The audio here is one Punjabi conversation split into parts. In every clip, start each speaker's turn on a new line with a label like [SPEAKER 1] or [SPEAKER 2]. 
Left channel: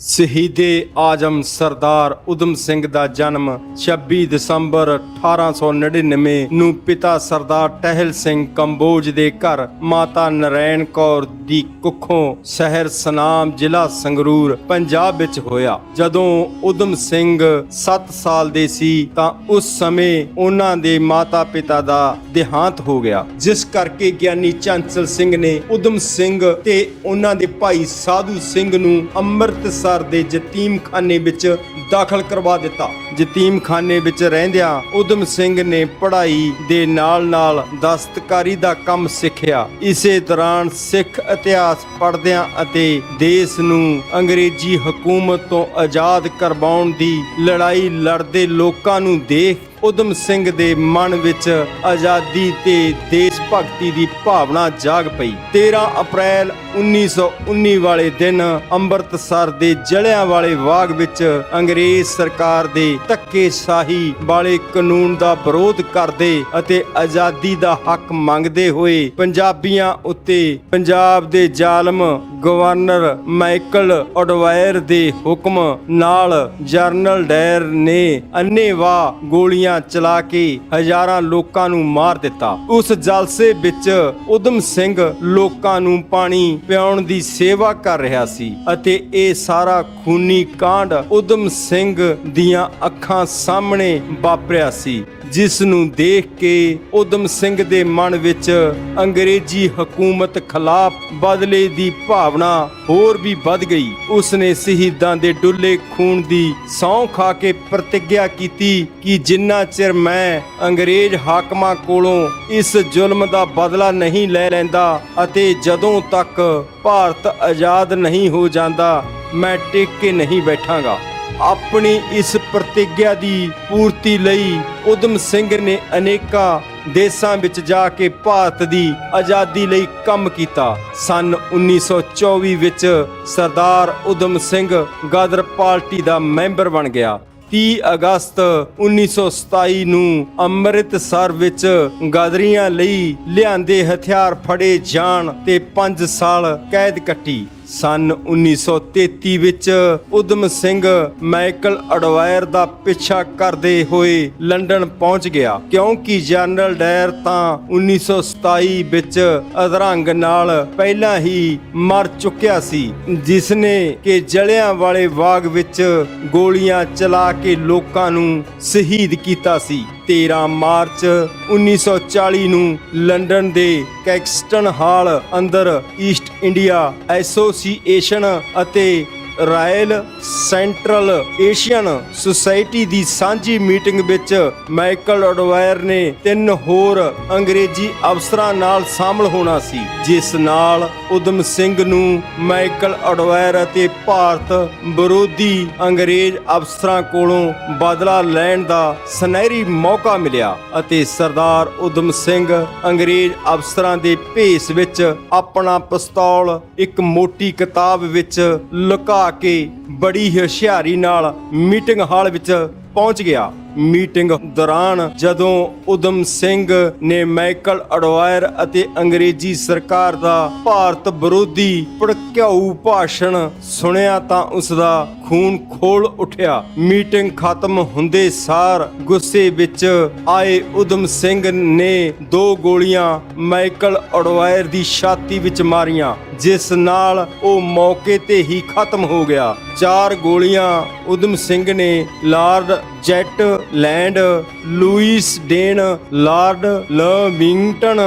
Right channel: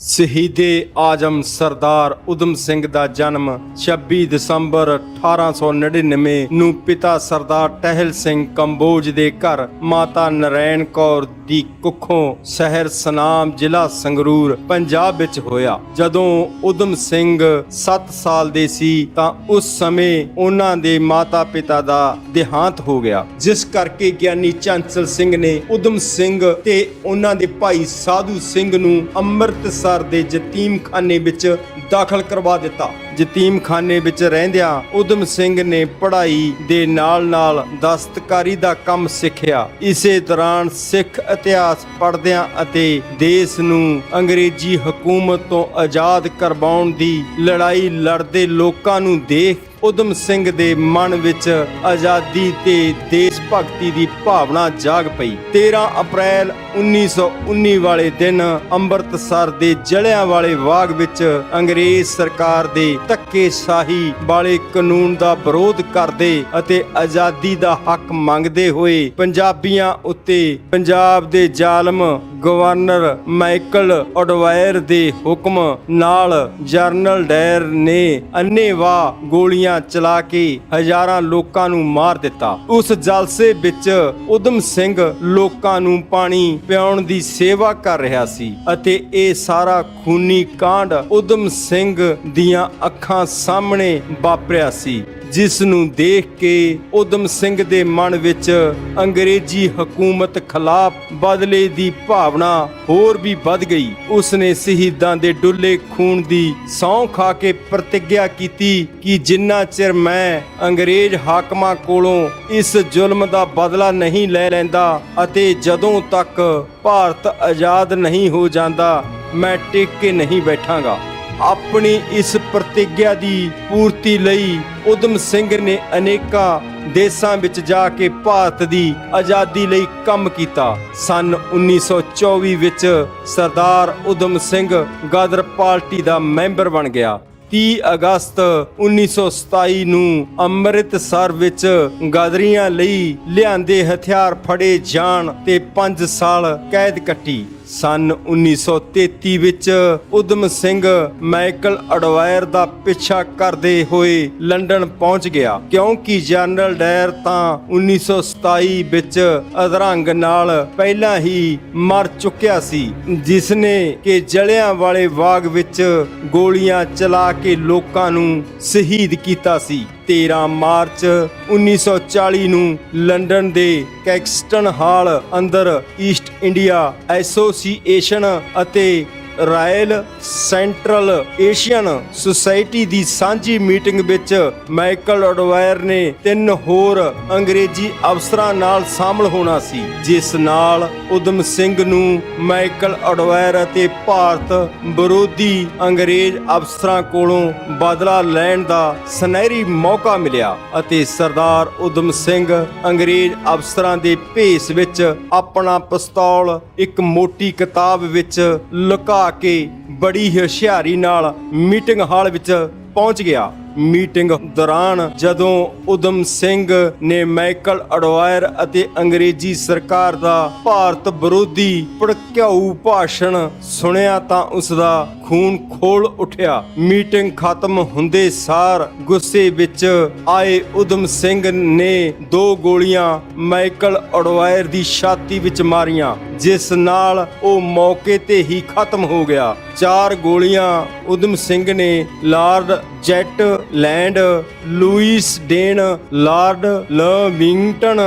[SPEAKER 1] ਸ਼ਹੀਦੇ ਆਜਮ ਸਰਦਾਰ ਉਦਮ ਸਿੰਘ ਦਾ ਜਨਮ 26 ਦਸੰਬਰ 1899 ਨੂੰ ਪਿਤਾ ਸਰਦਾਰ ਟਹਿਲ ਸਿੰਘ ਕੰਬੋਜ ਦੇ ਘਰ ਮਾਤਾ ਨਰੈਣ ਕੌਰ ਦੀ ਕੁੱਖੋਂ ਸ਼ਹਿਰ ਸਨਾਮ ਜ਼ਿਲ੍ਹਾ ਸੰਗਰੂਰ, ਪੰਜਾਬ ਵਿੱਚ ਹੋਇਆ। ਜਦੋਂ ਉਦਮ ਸਿੰਘ 7 ਸਾਲ ਦੇ ਸੀ ਤਾਂ ਉਸ ਸਮੇਂ ਉਹਨਾਂ ਦੇ ਮਾਤਾ ਪਿਤਾ ਦਾ ਦੇਹਾਂਤ ਹੋ ਗਿਆ। ਜਿਸ ਕਰਕੇ ਗਿਆਨੀ ਚੰਚਲ ਸਿੰਘ ਨੇ ਉਦਮ ਸਿੰਘ ਤੇ ਉਹਨਾਂ ਦੇ ਭਾਈ ਸਾਧੂ ਸਿੰਘ ਨੂੰ ਅੰਮ੍ਰਿਤਸਰ ਦੇ ਯਤੀਮਖਾਨੇ ਵਿੱਚ ਦਾਖਲ ਕਰਵਾ ਦਿੱਤਾ। ਯਤੀਮਖਾਨੇ ਵਿੱਚ ਰਹਿੰਦਿਆਂ ਉਦਮ ਸਿੰਘ ਨੇ ਪੜ੍ਹਾਈ ਦੇ ਨਾਲ-ਨਾਲ ਦਸਤਕਾਰੀ ਦਾ ਕੰਮ ਸਿੱਖਿਆ। ਇਸੇ ਦੌਰਾਨ ਸਿੱਖ ਇਤਿਹਾਸ ਪੜ੍ਹਦਿਆਂ ਅਤੇ ਦੇਸ਼ ਨੂੰ ਅੰਗਰੇਜ਼ੀ ਹਕੂਮਤ ਤੋਂ ਆਜ਼ਾਦ ਕਰਵਾਉਣ ਦੀ ਲੜਾਈ ਲੜਦੇ ਲੋਕਾਂ ਨੂੰ ਦੇਖ ਉਦਮ ਸਿੰਘ ਦੇ ਮਨ ਵਿੱਚ ਆਜ਼ਾਦੀ ਤੇ ਦੇਸ਼ ਭਗਤੀ ਦੀ ਭਾਵਨਾ ਜਾਗ ਪਈ। 13 ਅਪ੍ਰੈਲ 1919 ਵਾਲੇ ਦਿਨ ਅੰਮ੍ਰਿਤਸਰ ਦੇ ਜਲਿਆਂ ਵਾਲੇ ਬਾਗ ਵਿੱਚ ਅੰਗਰੇਜ਼ ਸਰਕਾਰ ਦੀ ਧੱਕੇਸ਼ਾਹੀ ਵਾਲੇ ਕਾਨੂੰਨ ਦਾ ਵਿਰੋਧ ਕਰਦੇ ਅਤੇ ਆਜ਼ਾਦੀ ਦਾ ਹੱਕ ਮੰਗਦੇ ਹੋਏ ਪੰਜਾਬੀਆਂ ਉੱਤੇ ਪੰਜਾਬ ਦੇ ਜ਼ਾਲਮ ਗਵਰਨਰ ਮਾਈਕਲ ਅਡਵਾਇਰ ਦੇ ਹੁਕਮ ਨਾਲ ਜਰਨਲ ਡਾਇਰ ਨੇ ਅੰਨੇਵਾਹ ਗੋਲੀਆਂ ਚਲਾ ਕੇ ਹਜ਼ਾਰਾਂ ਲੋਕਾਂ ਨੂੰ ਮਾਰ ਦਿੱਤਾ। ਉਸ ਜਲਸੇ ਵਿੱਚ ਉਦਮ ਸਿੰਘ ਲੋਕਾਂ ਨੂੰ ਪਾਣੀ ਪਿਆਉਣ ਦੀ ਸੇਵਾ ਕਰ ਰਿਹਾ ਸੀ ਅਤੇ ਇਹ ਸਾਰਾ ਖੂਨੀ ਕਾਂਡ ਉਦਮ ਸਿੰਘ ਦੀਆਂ ਅੱਖਾਂ ਸਾਹਮਣੇ ਵਾਪਰਿਆ ਸੀ। ਜਿਸ ਨੂੰ ਦੇਖ ਕੇ ਉਦਮ ਸਿੰਘ ਦੇ ਮਨ ਵਿੱਚ ਅੰਗਰੇਜ਼ੀ ਹਕੂਮਤ ਖਿਲਾਫ ਬਦਲੇ ਦੀ ਭਾਵਨਾ ਹੋਰ ਵੀ ਵੱਧ ਗਈ। ਉਸਨੇ ਸ਼ਹੀਦਾਂ ਦੇ ਡੁੱਲੇ ਖੂਨ ਦੀ ਸਹੁੰ ਖਾ ਕੇ ਪ੍ਰਤੀਗਿਆ ਕੀਤੀ ਕਿ ਜਿੰਨਾ ਚਿਰ ਮੈਂ ਅੰਗਰੇਜ਼ ਹਾਕਮਾਂ ਕੋਲੋਂ ਇਸ ਜ਼ੁਲਮ ਦਾ ਬਦਲਾ ਨਹੀਂ ਲੈ ਲੈਂਦਾ ਅਤੇ ਜਦੋਂ ਤੱਕ ਭਾਰਤ ਆਜ਼ਾਦ ਨਹੀਂ ਹੋ ਜਾਂਦਾ, ਮੈਂ ਟਿਕ ਕੇ ਨਹੀਂ ਬੈਠਾਂਗਾ। ਆਪਣੀ ਇਸ ਪ੍ਰਤੀਗਿਆ ਦੀ ਪੂਰਤੀ ਲਈ ਉਦਮ ਸਿੰਘ ਨੇ ਅਨੇਕਾਂ ਦੇਸ਼ਾਂ ਵਿੱਚ ਜਾ ਕੇ ਭਾਰਤ ਦੀ ਆਜ਼ਾਦੀ ਲਈ ਕੰਮ ਕੀਤਾ। ਸਨ 1924 ਵਿੱਚ ਸਰਦਾਰ ਉਦਮ ਸਿੰਘ ਗਦਰ ਪਾਰਟੀ ਦਾ ਮੈਂਬਰ ਬਣ ਗਿਆ। 30 ਅਗਸਤ 1927 ਨੂੰ ਅੰਮ੍ਰਿਤਸਰ ਵਿੱਚ ਗਾਦਰੀਆਂ ਲਈ ਲਿਆਂਦੇ ਹਥਿਆਰ ਫੜੇ ਜਾਣ ਤੇ 5 ਸਾਲ ਕੈਦ ਕੱਟੀ। ਸਨ 1933 ਵਿੱਚ ਉਦਮ ਸਿੰਘ ਮਾਈਕਲ ਅਡਵਾਇਰ ਦਾ ਪਿੱਛਾ ਕਰਦੇ ਹੋਏ ਲੰਡਨ ਪਹੁੰਚ ਗਿਆ। ਕਿਉਂਕਿ ਜਨਰਲ ਡਾਇਰ ਤਾਂ 1927 ਵਿੱਚ ਅਧਰੰਗ ਨਾਲ ਪਹਿਲਾਂ ਹੀ ਮਰ ਚੁੱਕਿਆ ਸੀ। ਜਿਸ ਨੇ ਕਿ ਜਲਿਆਂ ਵਾਲੇ ਬਾਗ ਵਿੱਚ ਗੋਲੀਆਂ ਚਲਾ ਕੇ ਲੋਕਾਂ ਨੂੰ ਸ਼ਹੀਦ ਕੀਤਾ ਸੀ। 13 ਮਾਰਚ 1940 ਨੂੰ ਲੰਡਨ ਦੇ ਕੈਕਸਟਨ ਹਾਲ ਅੰਦਰ ਈਸਟ ਇੰਡੀਆ ਐਸੋਸੀਏਸ਼ਨ ਅਤੇ ਰਾਇਲ ਸੈਂਟਰਲ ਏਸ਼ੀਅਨ ਸੁਸਾਇਟੀ ਦੀ ਸਾਂਝੀ ਮੀਟਿੰਗ ਵਿੱਚ ਮਾਈਕਲ ਅਡਵਾਇਰ ਨੇ ਤਿੰਨ ਹੋਰ ਅੰਗਰੇਜ਼ੀ ਅਫਸਰਾਂ ਨਾਲ ਸ਼ਾਮਲ ਹੋਣਾ ਸੀ, ਜਿਸ ਨਾਲ ਉਦਮ ਸਿੰਘ ਨੂੰ ਮਾਈਕਲ ਅਡਵਾਇਰ ਅਤੇ ਭਾਰਤ ਵਿਰੋਧੀ ਅੰਗਰੇਜ਼ ਅਫਸਰਾਂ ਕੋਲੋਂ ਬਦਲਾ ਲੈਣ ਦਾ ਸੁਨਹਿਰੀ ਮੌਕਾ ਮਿਲਿਆ ਅਤੇ ਸਰਦਾਰ ਉਦਮ ਸਿੰਘ ਅੰਗਰੇਜ਼ ਅਫਸਰਾਂ ਦੇ ਭੇਸ ਵਿੱਚ ਆਪਣਾ ਪਿਸਤੌਲ ਇੱਕ ਮੋਟੀ ਕਿਤਾਬ ਵਿੱਚ ਲੁਕਾ ਕੇ ਬੜੀ ਹੁਸ਼ਿਆਰੀ ਨਾਲ ਮੀਟਿੰਗ ਹਾਲ ਵਿੱਚ ਪਹੁੰਚ ਗਿਆ। ਮੀਟਿੰਗ ਦੌਰਾਨ ਜਦੋਂ ਉਦਮ ਸਿੰਘ ਨੇ ਮਾਈਕਲ ਅਡਵਾਇਰ ਅਤੇ ਅੰਗਰੇਜ਼ੀ ਸਰਕਾਰ ਦਾ ਭਾਰਤ ਵਿਰੋਧੀ ਭੜਕਾਊ ਭਾਸ਼ਣ ਸੁਣਿਆ ਤਾਂ ਉਸ ਦਾ ਖੂਨ ਖੋਲ ਉੱਠਿਆ। ਮੀਟਿੰਗ ਖਤਮ ਹੁੰਦੇ ਸਾਰ ਗੁੱਸੇ ਵਿੱਚ ਆਏ ਉਦਮ ਸਿੰਘ ਨੇ ਦੋ ਗੋਲੀਆਂ ਮਾਈਕਲ ਅਡਵਾਇਰ ਦੀ ਛਾਤੀ ਵਿੱਚ ਮਾਰੀਆਂ, ਜਿਸ ਨਾਲ ਉਹ ਮੌਕੇ ਤੇ ਹੀ ਖਤਮ ਹੋ ਗਿਆ। ਚਾਰ ਗੋਲੀਆਂ ਉਦਮ ਸਿੰਘ ਨੇ lord Zetland Louis Dane lord Lamington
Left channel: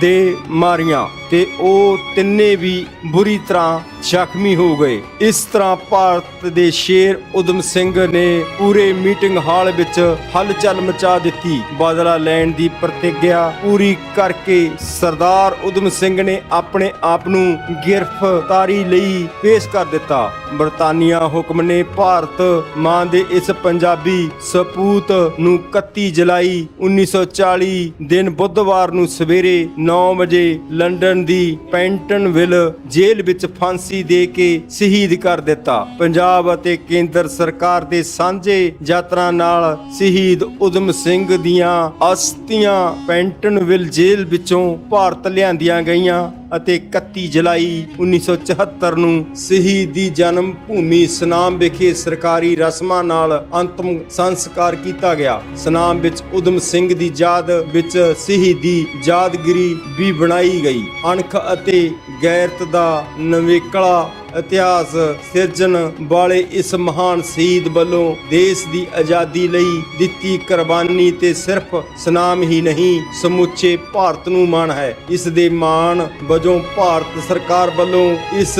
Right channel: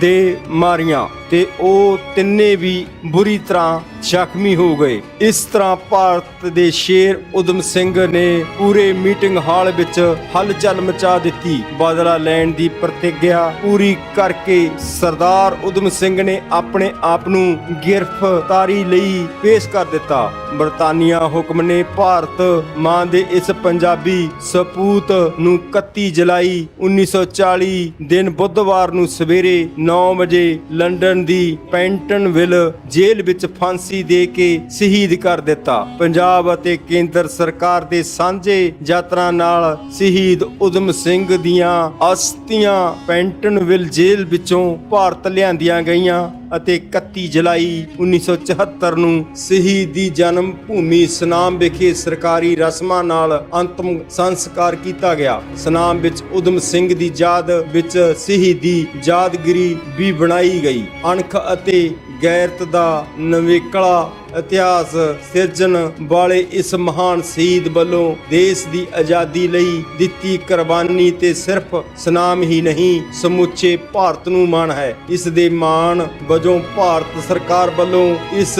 [SPEAKER 1] ਦੇ ਮਾਰੀਆਂ। ਤੇ ਉਹ ਤਿੰਨੇ ਵੀ ਬੁਰੀ ਤਰ੍ਹਾਂ ਜ਼ਖਮੀ ਹੋ ਗਈ। ਇਸ ਤਰ੍ਹਾਂ ਭਾਰਤ ਦੇ ਸ਼ੇਰ ਉਦਮ ਸਿੰਘ ਨੇ ਪੂਰੇ ਮੀਟਿੰਗ ਹਾਲ ਵਿੱਚ ਹਲਚਲ ਮਚਾ ਦਿੱਤੀ। ਬਦਲਾ ਲੈਣ ਦੀ ਪ੍ਰਤੀਗਿਆ ਪੂਰੀ ਕਰਕੇ ਸਰਦਾਰ ਉਦਮ ਸਿੰਘ ਨੇ ਆਪਣੇ ਆਪ ਨੂੰ ਗ੍ਰਿਫਤਾਰੀ ਲਈ ਪੇਸ਼ ਕਰ ਦਿੱਤਾ। ਬਰਤਾਨੀਆ ਹੁਕਮ ਨੇ ਭਾਰਤ ਮਾਂ ਦੇ ਇਸ ਪੰਜਾਬੀ ਸਪੂਤ ਨੂੰ 31 ਜੁਲਾਈ 1940 ਦਿਨ ਬੁੱਧਵਾਰ ਨੂੰ ਸਵੇਰੇ 9 ਵਜੇ ਲੰਡਨ ਦੀ ਪੈਂਟਨਵਿਲ ਜੇਲ੍ਹ ਵਿੱਚ ਫਾਂਸੀ ਦੇ ਕੇ ਸ਼ਹੀਦ ਕਰ ਦਿੱਤਾ? ਪੰਜਾਬ ਅਤੇ ਕੇਂਦਰ ਸਰਕਾਰ ਦੇ ਸਾਂਝੇ ਯਾਤਰਾ ਨਾਲ ਸ਼ਹੀਦ ਉਦਮ ਸਿੰਘ ਦੀਆਂ ਅਸਥੀਆਂ ਪੈਂਟਨਵਿਲ ਜੇਲ੍ਹ ਵਿੱਚੋਂ ਭਾਰਤ ਲਿਆਂਦੀਆਂ ਗਈਆਂ। ਅਤੇ 31 ਜੁਲਾਈ 1974 ਨੂੰ ਸ਼ਹੀਦੀ ਜਨਮ ਭੂਮੀ ਸਨਾਮ ਵਿਖੇ ਸਰਕਾਰੀ ਰਸਮਾਂ ਨਾਲ ਅੰਤਮ ਸੰਸਕਾਰ ਕੀਤਾ ਗਿਆ। ਸਨਾਮ ਵਿੱਚ ਉਦਮ ਸਿੰਘ ਦੀ ਯਾਦ ਵਿੱਚ ਸ਼ਹੀਦ ਦੀ ਯਾਦਗਿਰੀ ਵੀ ਬਣਾਈ ਗਈ। ਅਣਖ ਅਤੇ ਗੈਰਤ ਦਾ ਨਵੇਕਲਾ ਇਤਿਹਾਸ ਸਿਰਜਣ ਵਾਲੇ ਇਸ ਮਹਾਨ ਸ਼ਹੀਦ ਵੱਲੋਂ ਦੇਸ਼ ਦੀ ਆਜ਼ਾਦੀ ਲਈ ਦਿੱਤੀ ਕੁਰਬਾਨੀ ਤੇ ਸਿਰਫ ਸਨਾਮ ਹੀ ਨਹੀਂ, ਸਮੁੱਚੀ ਭਾਰਤ ਨੂੰ ਮਾਣ ਹੈ। ਇਸ ਦੇ ਮਾਣ ਵਜੋਂ ਭਾਰਤ ਸਰਕਾਰ ਵੱਲੋਂ ਇਸ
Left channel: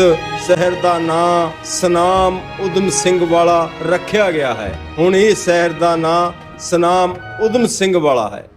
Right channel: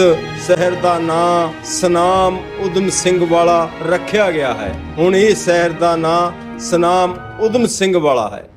[SPEAKER 1] ਸ਼ਹਿਰ ਦਾ ਨਾਂ ਸਨਾਮ ਉਦਮ ਸਿੰਘ ਵਾਲਾ ਰੱਖਿਆ ਗਿਆ ਹੈ। ਹੁਣ ਇਹ ਸ਼ਹਿਰ ਦਾ ਨਾਂ ਸਨਾਮ ਉਦਮ ਸਿੰਘ ਵਾਲਾ ਹੈ।